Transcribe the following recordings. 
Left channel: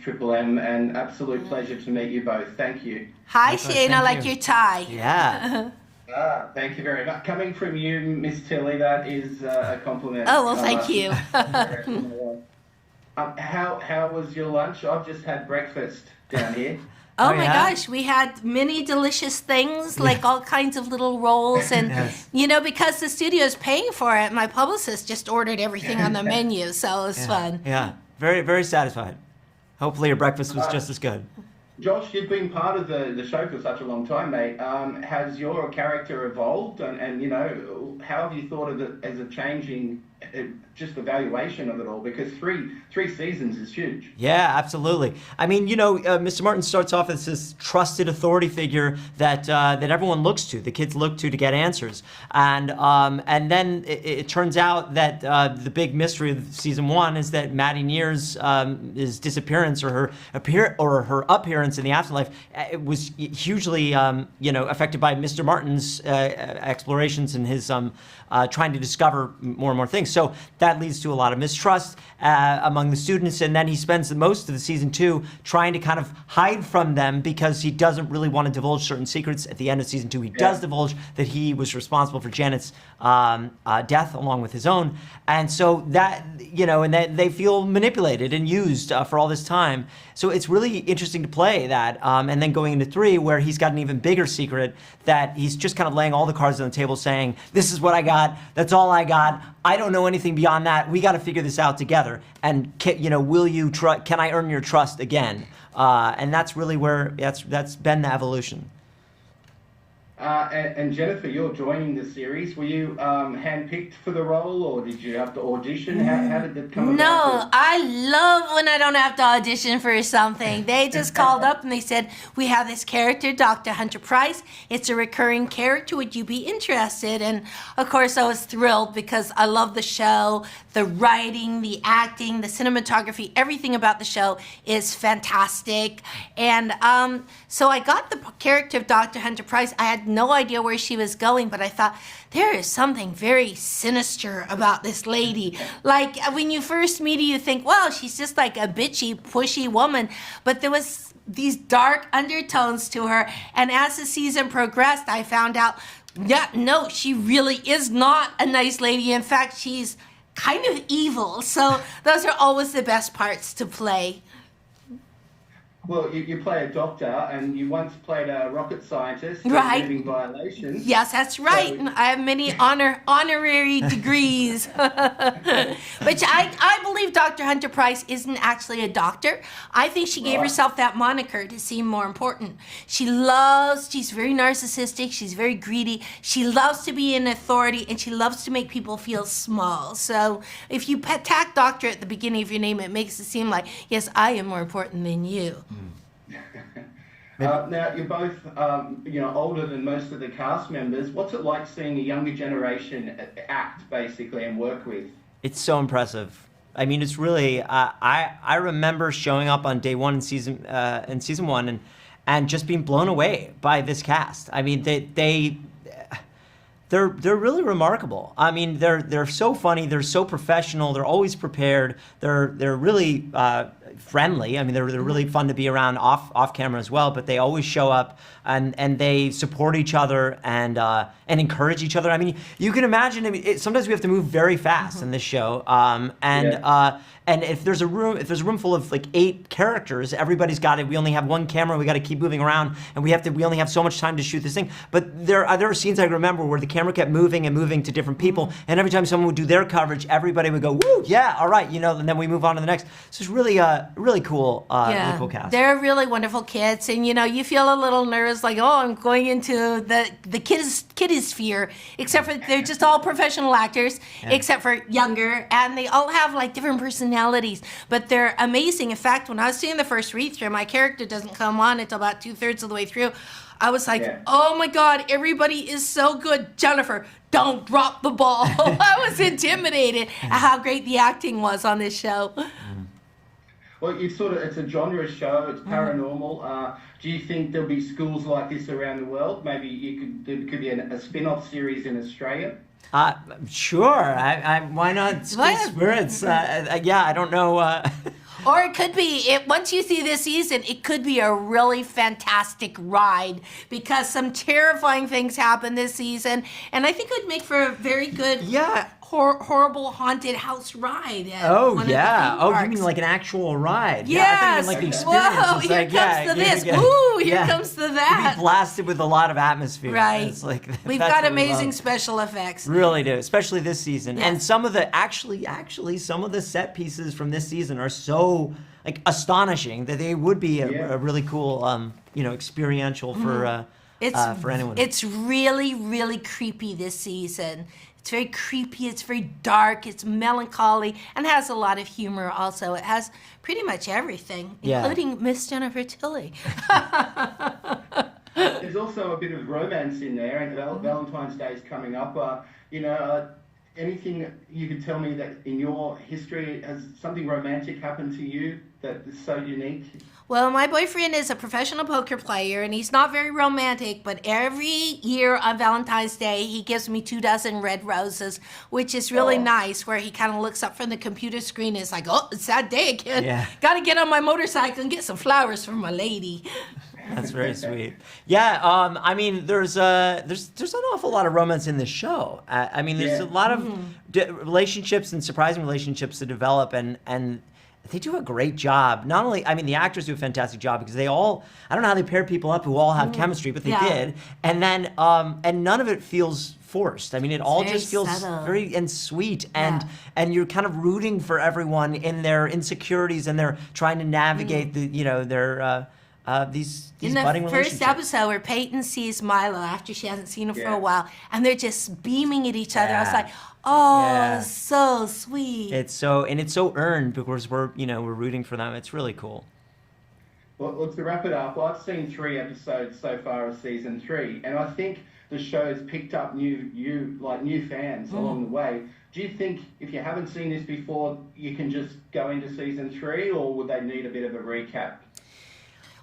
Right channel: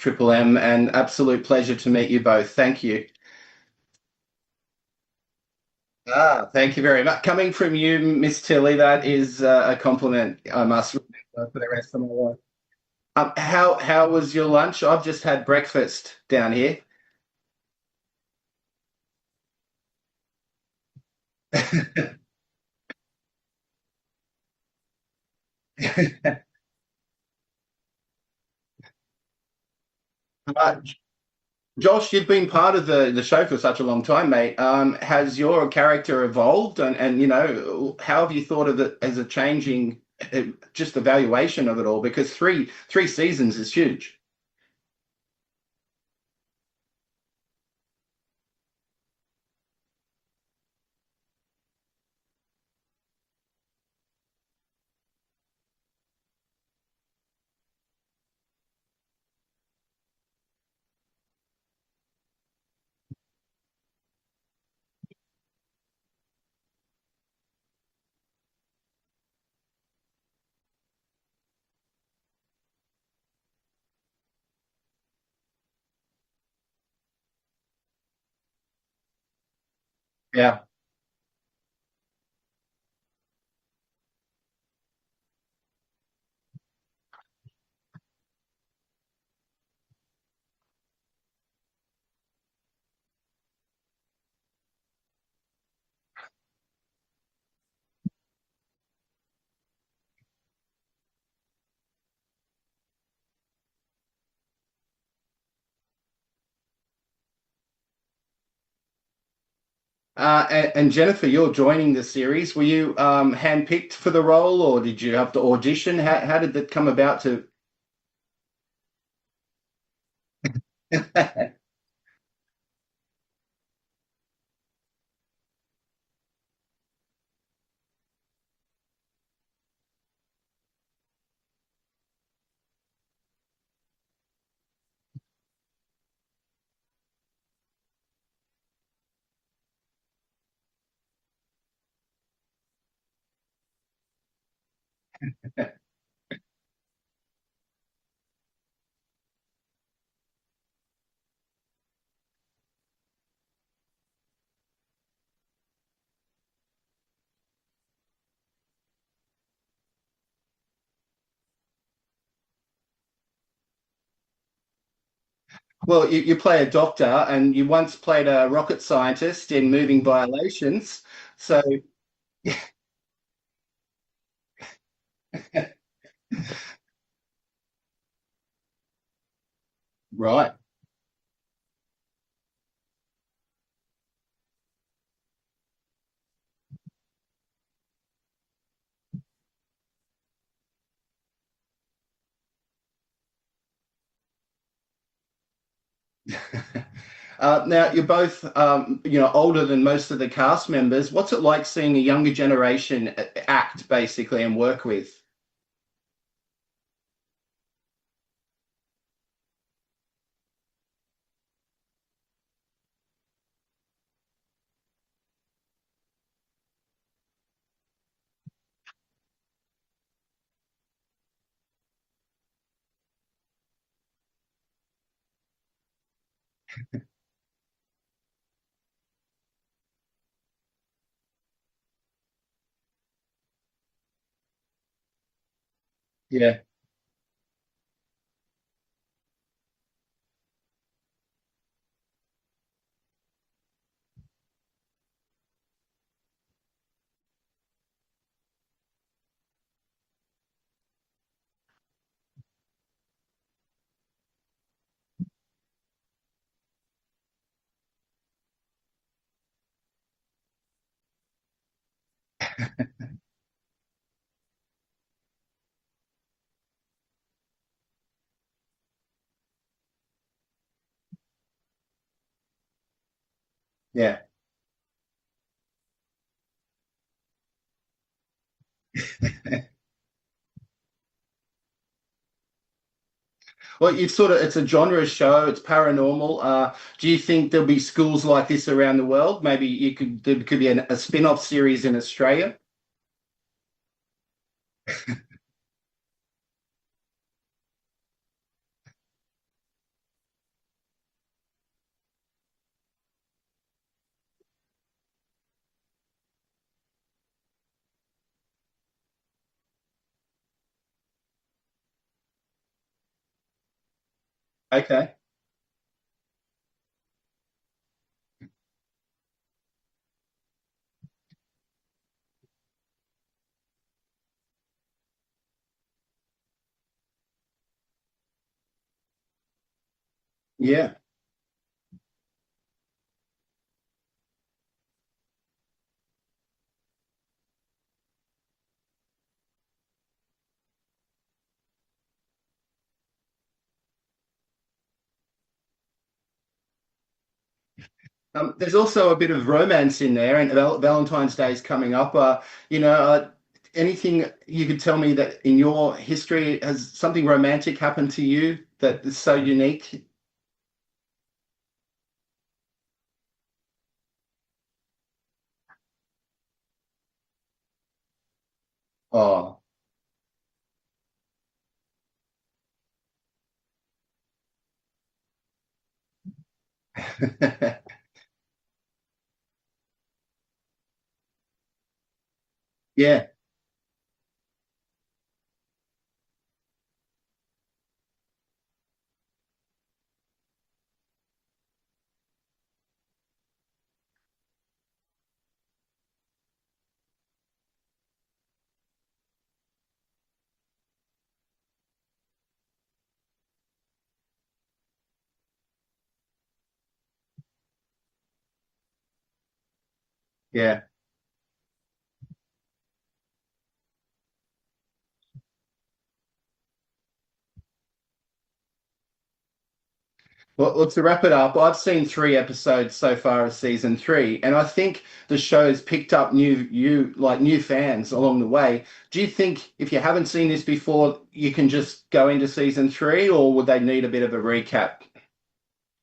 Triple M, and absolute pleasure to meet you both. Thank you. Hi, Likewise, Shane. I thank like you. your tie. Yeah. Thank you very much. Coming from you, Miss Tilly, that is a compliment. Oh, well, I thank must you. say for the rest of my life. How was your lunch? I've just had breakfast down here. Oh Oh, my yeah? gosh, we had many delicious things, like all kinds of little rolls. And, Yes. because the studio is paying for it, my publicist just ordered everything on the menu. So it was fun. Yeah. Very, very satisfied. Hopefully your breakfast was just as good. Josh, you've been part of the show for such a long time, mate. Has your character evolved, and how have you thought of it as a changing, just evaluation of it all? Because three seasons is huge. Yeah, absolutely. I mean, Mr. Martin starts off as this trusted authority figure that everyone looks to, the kids look to get answers, and then it turns out that the big mystery of season one is that Maddie Neer's disappearance or her appearance in the afterlife it was hugely affected by Mr. Martin's explorations and his trying to discover more and more things. So that leads to a lot of mistrust among the students, and then he spends the most of the season two trying to kind of hide from them because he doesn't really want to divulge certain secrets. At the end of season two, he does divulge that he was responsible for Janet's death along with his own, and so that and that they feel manipulated and used for all this time. So it's really interesting to play that, and then going into three, where he's got an even bigger secret that he's just kind of laying all the cards on the table, saying, "This is what I got. That's all I got. I don't know anything beyond that. We got to figure this out together. And will you can I earn your trust again?" And that's really where that's been the evolution. And Jennifer, you're joining the series. Were you handpicked for the role, or did you have to audition? How did that come about? No, I love when I don't have to audition for something. They just called up and they said, "We have this character, Dr. Hunter Price. It's a recurring character. Would you be interested?" And of course, I was thrilled because I love the show. The writing, the acting, the cinematography, everything about the show is fantastic. And so I got the character of Dr. Hunter Price. I had no idea where she was going, but I thought, there is something very sinister about this lady. Like, when you first meet her, you think, well, she's just like a bitchy, pushy woman. But there was these dark undertones to her. And as the season progressed, I found out, no, she really is not a nice lady. In fact, she's kind of evil. So those are always the best parts to play. Well, you play a doctor, and you once played a rocket scientist in Right. moving violations. Yes, that's right. I have many honorary degrees. Which I believe Dr. Hunter Price isn't actually a doctor. I think she gave Right. herself that moniker to seem more important. She's very narcissistic, she's very greedy, she loves to be in authority, and she loves to make people feel small. So if you tack doctor at the beginning of your name, it makes it seem like, yes, I am more important than you. Now, you're both, older than most of the cast members. What's it like seeing a younger generation act, basically, and work with? It's so impressive. I mean, it's really. I remember showing up on day one in season one and just being blown away by this cast. I mean, they're really remarkable. I mean, they're so funny. They're so professional. They're always prepared. They're really friendly. I mean, they're really fun to be around off camera as well. But they always show up and they support each other and encourage each other. I mean, you can imagine. I mean, sometimes we have to move very fast in this show. And if there's a room full of like 8 characters, everybody's got it. We only have one camera. We got to keep moving around, and we only have so much time to shoot this thing. But there are scenes I remember where the camera kept moving and moving to different people, and every time someone would do their coverage, everybody would go, "Woo, yeah, all right," and then we move on to the next. So it's really really cool, really cool cast. They're really wonderful kids, and you feel a little nervous, like, oh, I'm going into the kiddies sphere, except for they're just all professional actors, except for younger, and they all have like different personalities, but they're amazing. In fact, when I was doing the first read through, my character doesn't come on until about 2/3 of the way through. I was like, oh my God, everybody is so good. Jennifer, don't drop the ball. I was intimidated at how great the acting was on this show. Well, it's a genre show. It's paranormal. Do you think there'll be schools like this around the world? Maybe there could be a spin-off series in Australia? Sure. Why not? Spirits. Yeah, I don't know. Or it could be, once you see this season, it could be a really fantastic ride because some terrifying things happen this season. And I think it would make for a very good horrible haunted house ride. Oh, yeah. Oh, you mean like an actual ride? Yes. Yeah, I think like Whoa, here comes to this. Ooh, here comes to that. You'd be blasted with a lot of atmosphere. Right. It's like, We've got amazing special effects. Really do, especially this season. Yes. And some of the, actually, some of the set pieces from this season are so like astonishing that they would be a really cool, experiential for anyone. It's really, really creepy this season. It's very creepy, it's very dark, it's melancholy, and has a lot of humor also. It has pretty much everything, including Miss Jennifer Tilly. There's also a bit of romance in there, and Valentine's Day is coming up. Anything you could tell me that in your history, has something romantic happened to you that is so unique? Well, my boyfriend is a professional poker player, and he's not very romantic, but every year on Valentine's Day, he gives me 24 red roses, which is really nice, where he kind of looks up from the computer screen and is like, oh, it's that day again. Yeah. Got to get on my motorcycle and get some flowers for my lady. That's very sweet. Yeah, I mean, there's an awful lot of romance in this show. I mean, there's a lot of relationships and surprising relationships to develop, and they do a great job. Not only, I mean, the actors do a fantastic job because they all, I don't know how they pair people up who all have chemistry, but they did. And then, and none of it feels forced. I mean, it all just feels very and sweet, and you're kind of rooting for everyone in their insecurities, and they're trying to navigate the, their these budding relationships. In the first episode where Peyton sees Milo after she hasn't seen him for a while, and they're just beaming at each other, I was like, oh, so sweet. It's so earned because we're rooting for them. It's really cool. Well, look, to wrap it up, I've seen 3 episodes so far of season 3, and I think the show's picked up new fans along the way. Do you think if you haven't seen this before, you can just go into season 3, or would they need a bit of a recap?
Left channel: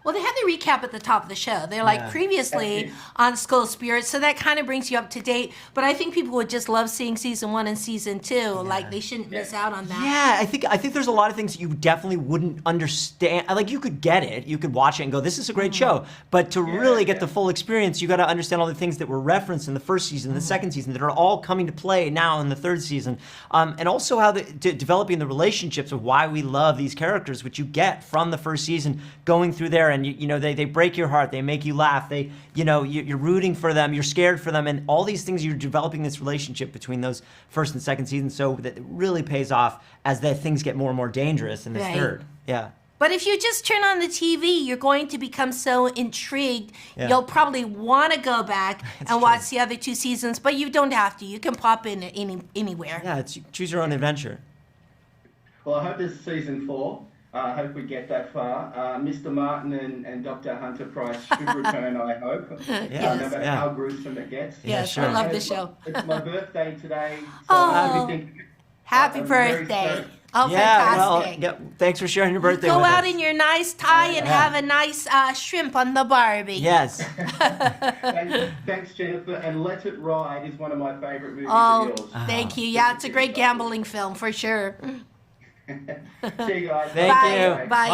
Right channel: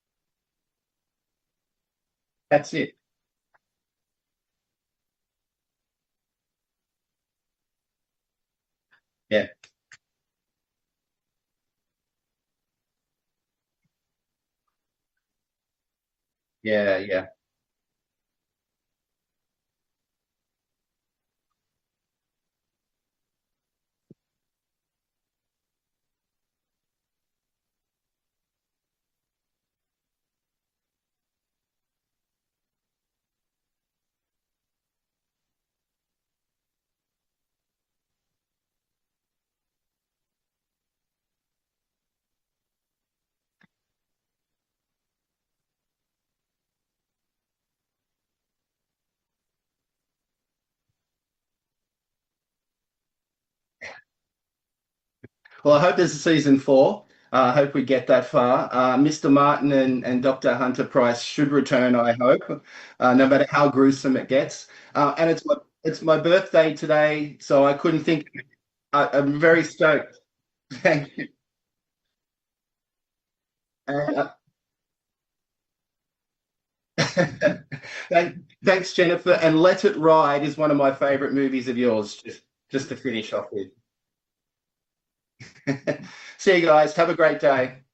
Well, they had the recap at the top of the show. They're like previously on School Spirits, so that kind of brings you up to date. But I think people would just love seeing season 1 and season 2. Like they shouldn't miss out on that. Yeah, I think there's a lot of things you definitely wouldn't understand. Like you could get it, you could watch it and go, "This is a great show." But to really get the full experience, you got to understand all the things that were referenced in the first season, the second season, that are all coming to play now in the third season, and also how developing the relationships of why we love these characters, which you get from the first season, going through there, and they break your heart, they make you laugh, you're rooting for them, you're scared for them, and all these things, you're developing this relationship between those first and second seasons, so that it really pays off as the things get more and more dangerous in the third. Yeah. But if you just turn on the TV, you're going to become so intrigued, you'll probably want to go back and watch the other 2 seasons, but you don't have to. You can pop in anywhere. Yeah, choose your own adventure. Well, I hope there's season 4. I hope we get that far. Mr. Martin and Dr. Hunter Price should return, I hope, no matter how gruesome it gets. Yes, I love the show. It's my birthday today, so I couldn't think. Happy I'm birthday. very stoked. Oh, fantastic. Well, thanks for sharing your birthday Go with out us. in your nice tie and have a nice shrimp on the Barbie. Yes. Thanks, Jennifer. And Let It Ride is one of my favorite movies of yours. Thank you. Yeah, it's a great gambling film for sure. See you guys. Have a great day. Bye.